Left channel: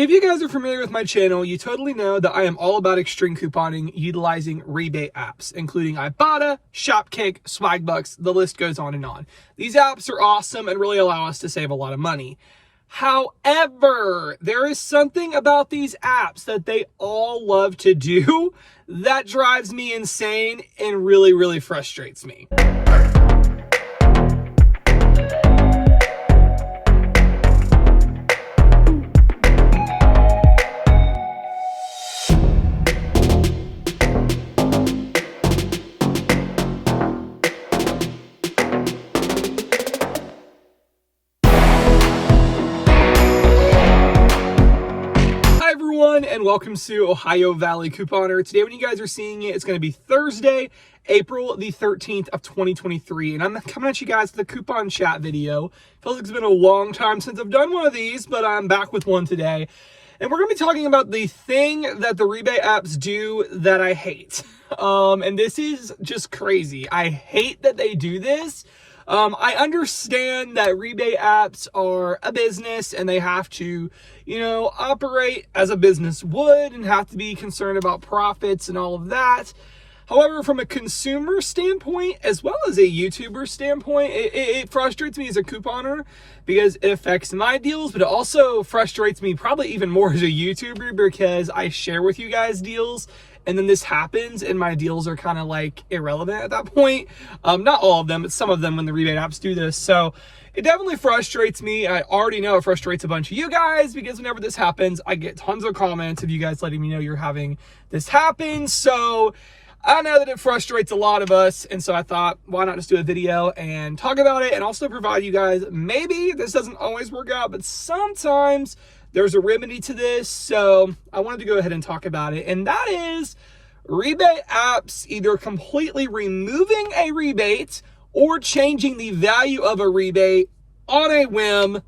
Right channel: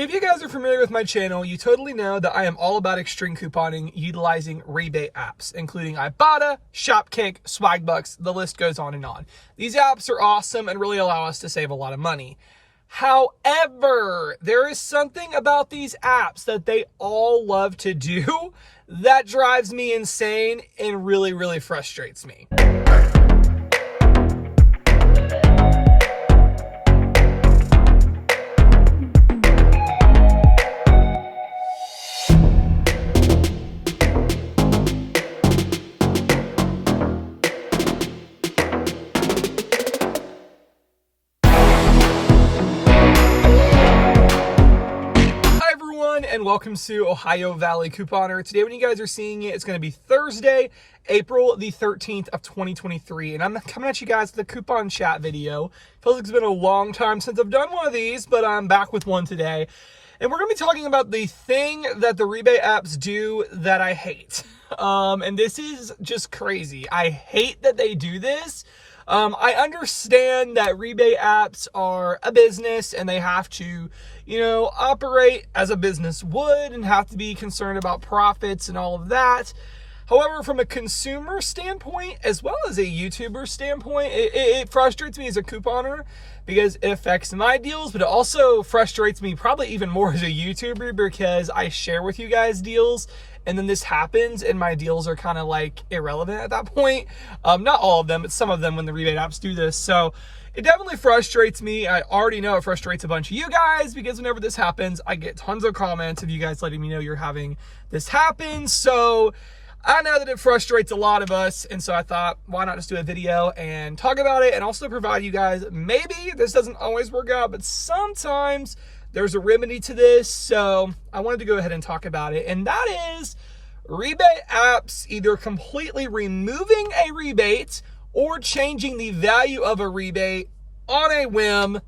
If you guys are familiar with my channel, you totally know that I am all about extreme couponing utilizing rebate apps, including Ibotta, Shopkick, Swagbucks, the list goes on and on. These apps are awesome and really allow us to save a lot of money. However, there is something about these apps that they all love to do that drives me insane and really frustrates me. And welcome to Ohio Valley Couponer. Today when you guys are seeing it, it's going to be Thursday, April the 13th of 2023. And I'm coming at you guys with a coupon chat video. Feels like it's been a long time since I've done one of these, but I'm back with one today. And we're going to be talking about the thing that the rebate apps do that I hate. And this is just crazy. I hate that they do this. I understand that rebate apps are a business and they have to, operate as a business would and have to be concerned about profits and all of that. However, from a consumer standpoint, as well as a YouTuber standpoint, it frustrates me as a couponer because it affects my deals, but it also frustrates me probably even more as a YouTuber because I share with you guys deals and then this happens and my deals are kind of like irrelevant at that point. Not all of them, but some of them when the rebate apps do this. So it definitely frustrates me. I already know it frustrates a bunch of you guys because whenever this happens, I get tons of comments of you guys letting me know you're having this happen. So I know that it frustrates a lot of us. And so I thought, why not just do a video and talk about it and also provide you guys, maybe this doesn't always work out, but sometimes there's a remedy to this. So I wanted to go ahead and talk about it. And that is rebate apps either completely removing a rebate or changing the value of a rebate on a whim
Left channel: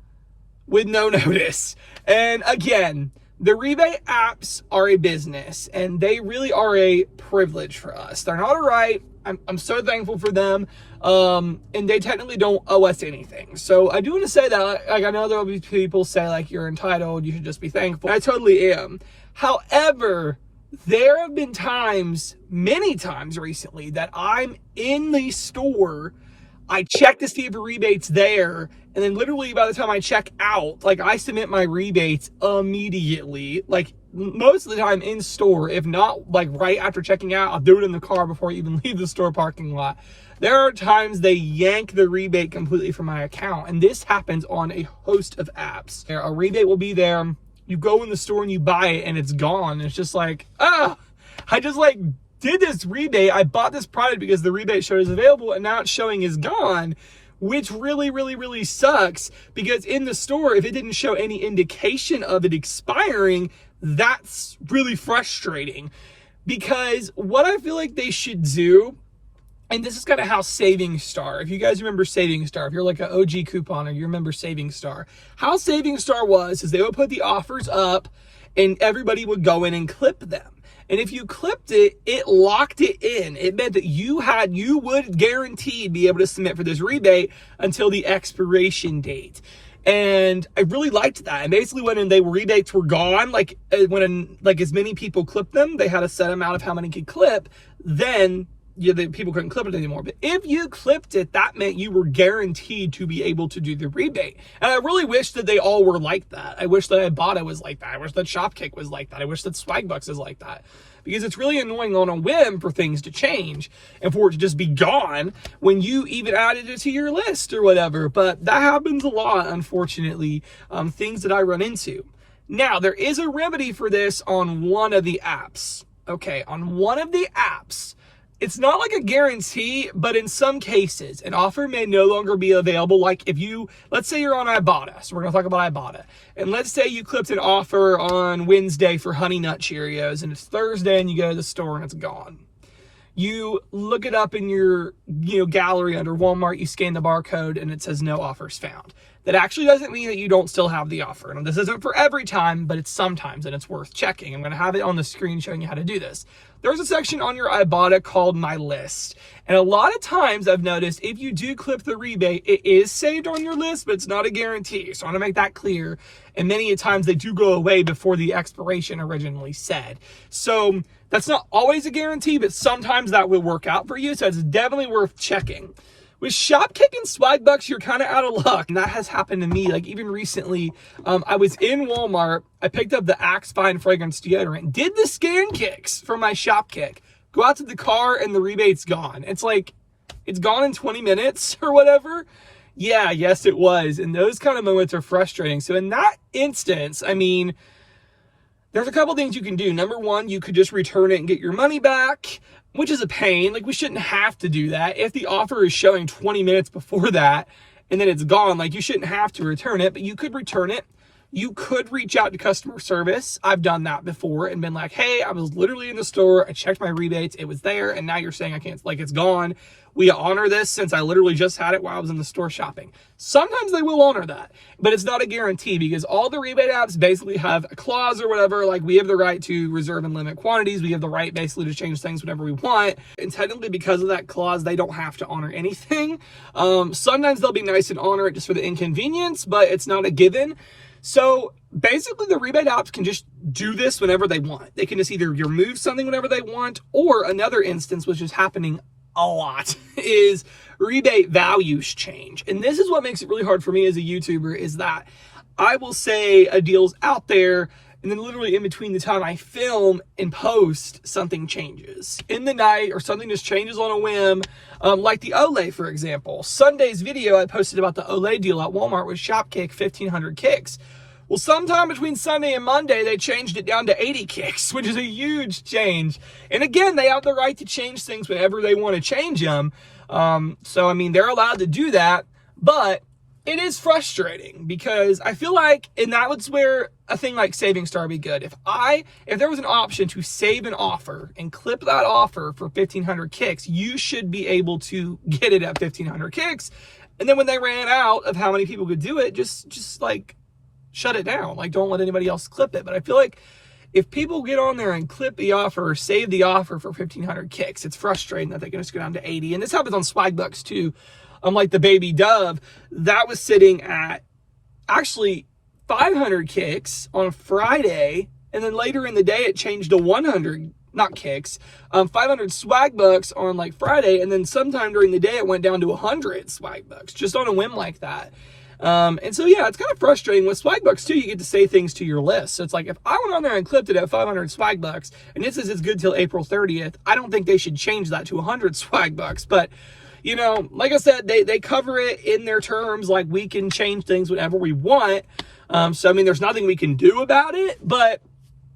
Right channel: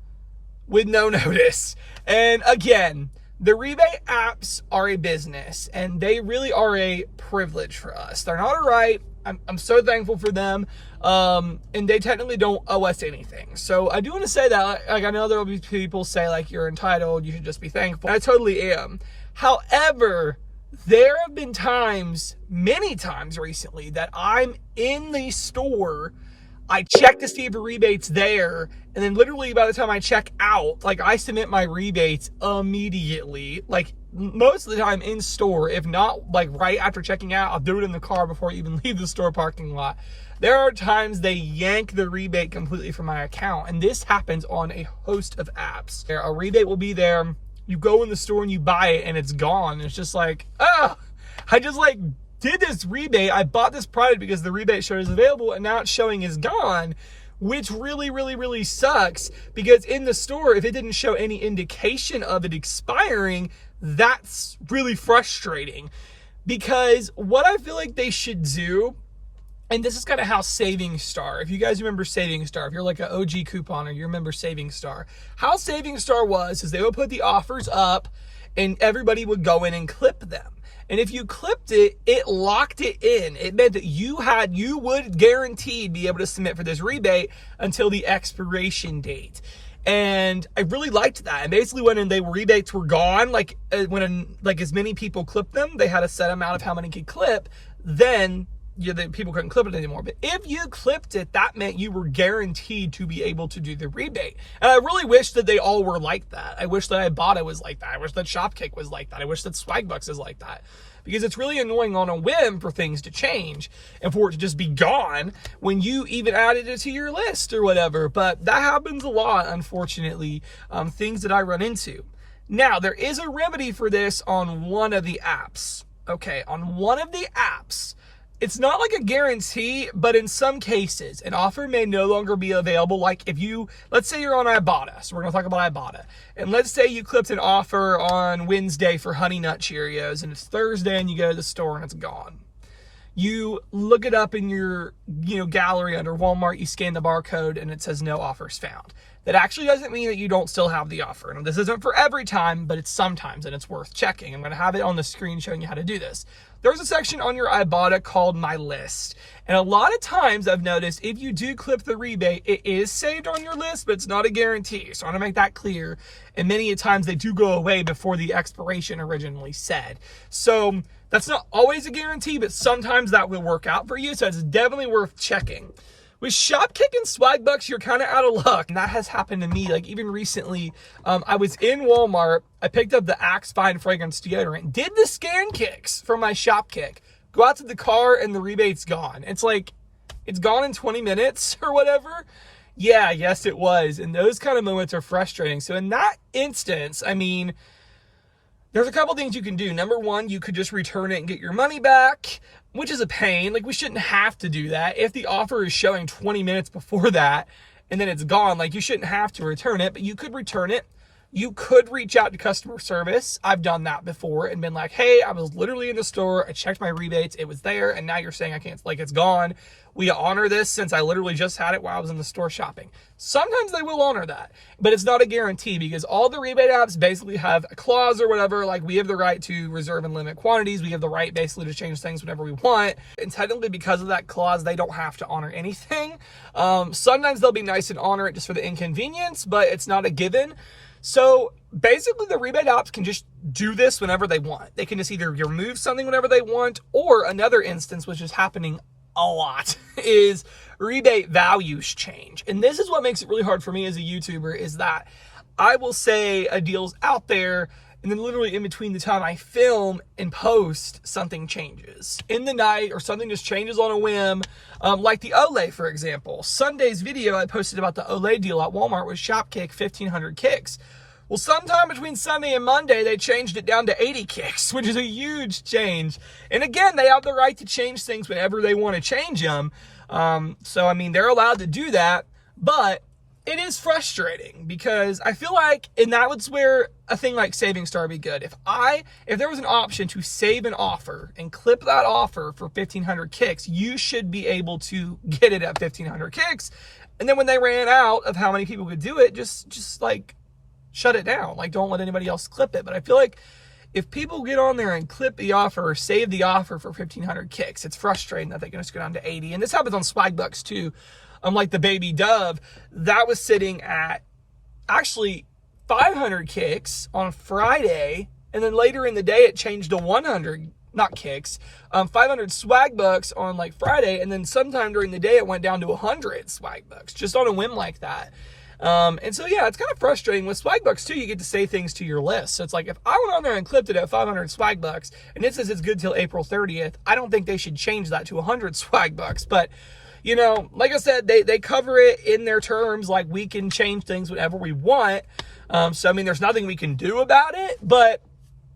with no notice. And again, the rebate apps are a business and they really are a privilege for us. They're not a right. I'm so thankful for them. And they technically don't owe us anything. So I do want to say that, like, I know there'll be people say like, you're entitled, you should just be thankful. I totally am. However, there have been times, many times recently, that I'm in the store, I check to see if a rebate's there, and then literally by the time I check out, like, I submit my rebates immediately, like most of the time in store. If not, like right after checking out, I'll do it in the car before I even leave the store parking lot. There are times they yank the rebate completely from my account, and this happens on a host of apps. A rebate will be there. You go in the store and you buy it and it's gone. It's just like, I just like did this rebate. I bought this product because the rebate showed is available and now it's showing is gone, which really sucks because in the store, if it didn't show any indication of it expiring, that's really frustrating because what I feel like they should do, and this is kind of how Saving Star, if you guys remember Saving Star, if you're like an OG couponer, you remember Saving Star. How Saving Star was is they would put the offers up and everybody would go in and clip them. And if you clipped it, it locked it in. It meant that you would guaranteed be able to submit for this rebate until the expiration date. And I really liked that. And basically when rebates were gone, like when as many people clipped them, they had a set amount of how many could clip, then the people couldn't clip it anymore. But if you clipped it, that meant you were guaranteed to be able to do the rebate. And I really wish that they all were like that. I wish that Ibotta was like that. I wish that Shopkick was like that. I wish that Swagbucks is like that. Because it's really annoying on a whim for things to change and for it to just be gone when you even added it to your list or whatever. But that happens a lot, unfortunately, things that I run into. Now, there is a remedy for this on one of the apps. Okay, on one of the apps, it's not like a guarantee, but in some cases, an offer may no longer be available. Like if let's say you're on Ibotta, so we're gonna talk about Ibotta. And let's say you clipped an offer on Wednesday for Honey Nut Cheerios and it's Thursday and you go to the store and it's gone. You look it up in your gallery under Walmart, you scan the barcode and it says no offers found. That actually doesn't mean that you don't still have the offer. And this isn't for every time, but it's sometimes and it's worth checking. I'm gonna have it on the screen showing you how to do this. there's a section on your Ibotta called My List. And a lot of times I've noticed if you do clip the rebate, it is saved on your list, but it's not a guarantee. So I want to make that clear. And many times they do go away before the expiration originally said. So that's not always a guarantee, but sometimes that will work out for you. So it's definitely worth checking. With Shopkick and swag bucks, you're kind of out of luck. And that has happened to me. Like even recently, I was in Walmart. I picked up the Axe Fine Fragrance Deodorant, did the scan kicks from my Shopkick, go out to the car, and the rebate's gone. It's like, it's gone in 20 minutes or whatever. Yeah, yes, it was. And those kind of moments are frustrating. So in that instance, I mean, there's a couple things you can do. Number one, you could just return it and get your money back, which is a pain. Like, we shouldn't have to do that. If the offer is showing 20 minutes before that and then it's gone, like, you shouldn't have to return it, but you could return it. You could reach out to customer service. I've done that before and been like, hey, I was literally in the store. I checked my rebates. It was there. And now you're saying I can't, like, it's gone. We honor this since I literally just had it while I was in the store shopping. Sometimes they will honor that, but it's not a guarantee because all the rebate apps basically have a clause or whatever. Like, we have the right to reserve and limit quantities. We have the right basically to change things whenever we want. And technically because of that clause, they don't have to honor anything. Sometimes they'll be nice and honor it just for the inconvenience, but it's not a given. So basically the rebate apps can just do this whenever they want. They can just either remove something whenever they want, or another instance, which is happening a lot, is rebate values change. And this is what makes it really hard for me as a YouTuber, is that I will say a deal's out there and then literally in between the time I film and post, something changes in the night or something just changes on a whim. Like the Olay, for example. Sunday's video I posted about the Olay deal at Walmart with Shopkick, 1,500 kicks. Well, sometime between Sunday and Monday, they changed it down to 80 kicks, which is a huge change. And again, they have the right to change things whenever they want to change them. So, I mean, they're allowed to do that, but it is frustrating because I feel like, and that was where a thing like Saving Star would be good. If there was an option to save an offer and clip that offer for 1,500 kicks, you should be able to get it at 1,500 kicks. And then when they ran out of how many people could do it, just like, shut it down. Like, don't let anybody else clip it. But I feel like if people get on there and clip the offer or save the offer for 1,500 kicks, it's frustrating that they can just go down to 80. And this happens on swag bucks too. Like the Baby Dove, that was sitting at actually 500 kicks on Friday. And then later in the day, it changed to 100, not kicks, 500 swag bucks on like Friday. And then sometime during the day, it went down to 100 swag bucks just on a whim like that. And so, yeah, it's kind of frustrating. With swag bucks too, you get to say things to your list. So it's like, if I went on there and clipped it at 500 swag bucks and it says it's good till April 30th, I don't think they should change that to 100 swag bucks. But, you know, like I said, they cover it in their terms. Like, we can change things whenever we want. So, I mean, there's nothing we can do about it, but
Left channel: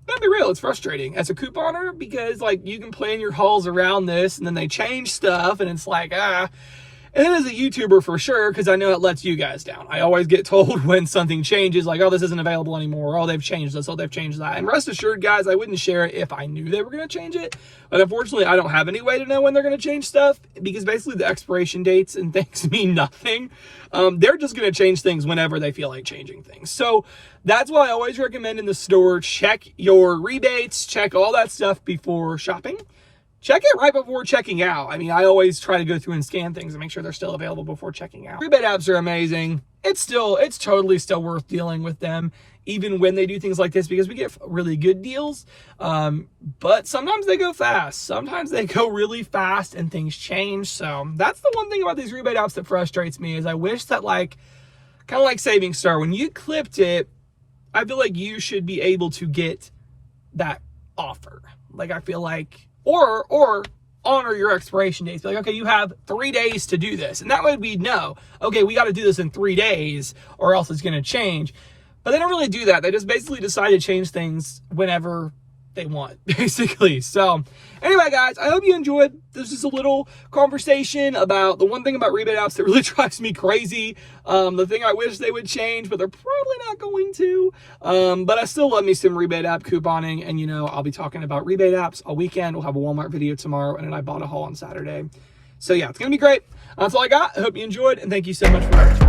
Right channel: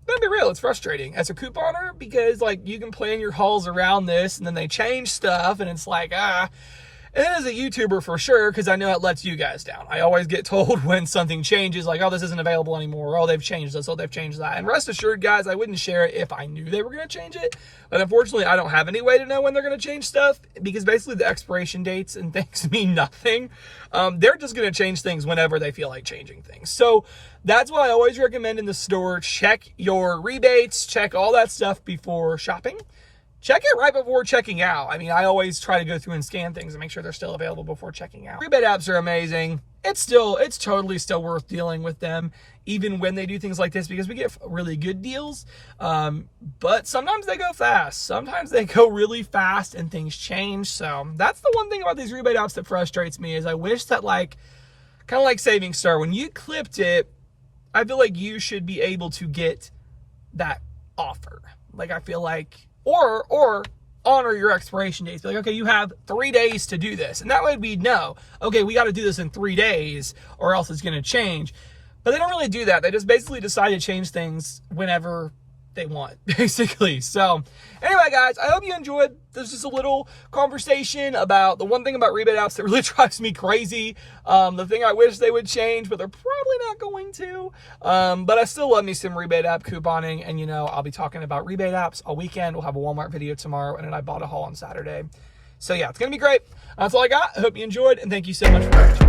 let's be real, it's frustrating as a couponer because, like, you can plan your hauls around this and then they change stuff and it's like, And then as a YouTuber for sure, because I know it lets you guys down. I always get told when something changes, like, oh, this isn't available anymore. Oh, they've changed this. Oh, they've changed that. And rest assured, guys, I wouldn't share it if I knew they were going to change it. But unfortunately, I don't have any way to know when they're going to change stuff because basically the expiration dates and things mean nothing. They're just going to change things whenever they feel like changing things. So that's why I always recommend in the store, check your rebates, check all that stuff before shopping. Check it right before checking out. I mean, I always try to go through and scan things and make sure they're still available before checking out. Rebate apps are amazing. It's totally still worth dealing with them, even when they do things like this, because we get really good deals. But sometimes they go fast. Sometimes they go really fast and things change. So that's the one thing about these rebate apps that frustrates me is I wish that, like, kind of like Saving Star, when you clipped it, I feel like you should be able to get that offer. Like, I feel like, or honor your expiration dates. Be like, okay, you have 3 days to do this. And that way we know, okay, we got to do this in 3 days or else it's going to change. But they don't really do that. They just basically decide to change things whenever they want, basically. So anyway, guys, I hope you enjoyed. There's just a little conversation about the one thing about rebate apps that really drives me crazy. The thing I wish they would change, but they're probably not going to. But I still love me some rebate app couponing. And, you know, I'll be talking about rebate apps all weekend. We'll have a Walmart video tomorrow and an Ibotta haul on Saturday. So, yeah, it's going to be great. That's all I got. I hope you enjoyed, and thank you so much for watching.